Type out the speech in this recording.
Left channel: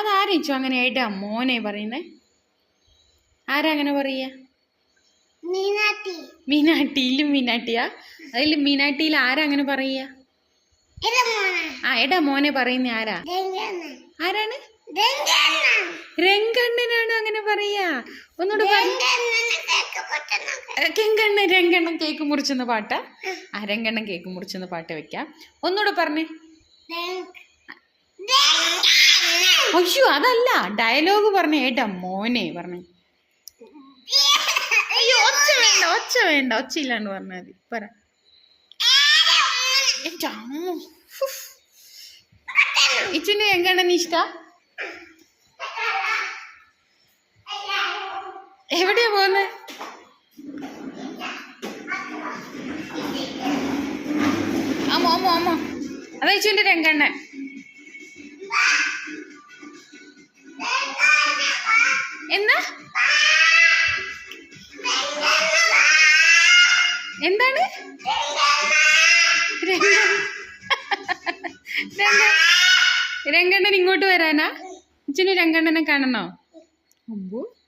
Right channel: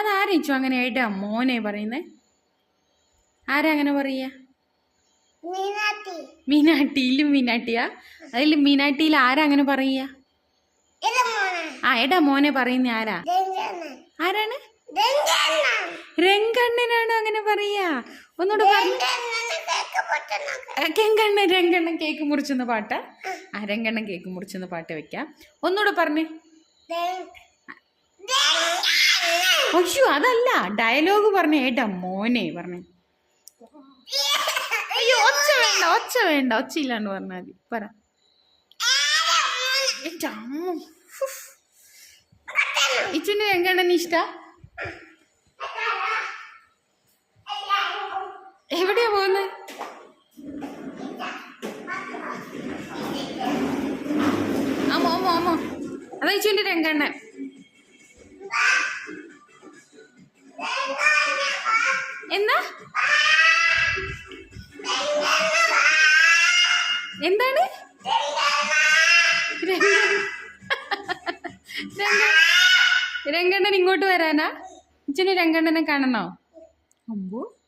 അതാരയിച്ചു അങ്ങനെ ആയിട്ട് മോനെ പറയുന്നേ. ആരാ അങ്ങനെ പറയാ? മീനാട്ടി മീനാട്ടിയിലും മീനാട്ടിയാ അതിൽ മീനാട്ടിയിൽ ആരാ അങ്ങനെ പറയുക ആ എടാ മോനെ പറയുന്ന ആരാ? ആരാണ്? രംഗണ്ണ രംഗണ്ണനാണ് അങ്ങനെ പറയാ? ഒന്നുകൂടെ കെങ്കണ്ണൻ രംഗണ്ണൻ കേക്ക് മുറിച്ചെന്ന പാട്ടാ. ആ. രംഗണ്ണൻ കേക്ക് മുറിച്ചെന്ന പാട്ട് വെക്കാം. ഒന്നുകൂടെ പറഞ്ഞേ. അയ്യോ അതല്ല. ഡയലോഗ് പറഞ്ഞ ഏട്ടാ മോനെ പറഞ്ഞു. അയ്യോ ഒച്ച വേണ്ട ഒച്ച വേണ്ട ഒച്ച ഇല്ലാണ്ട് പറഞ്ഞാൽ മതി. പറ. എന്റെ അമ്മോ. ഉഫ്. ഇച്ചിന്റെ ഇഷ്ട? എവിടെയാ പോകുന്നത് അമ്മ അമ്മ അമ്മ. അതാ ഇച്ചിന്റെ രംഗണ്ണൻ. എന്നാ? എന്താണ്? രംഗണ്ണൻ രംഗ- ഇങ്ങോട്ട് വരാനാ? അച്ഛന് രംഗണ്ണനെ കാണണോ? അമ്പോ.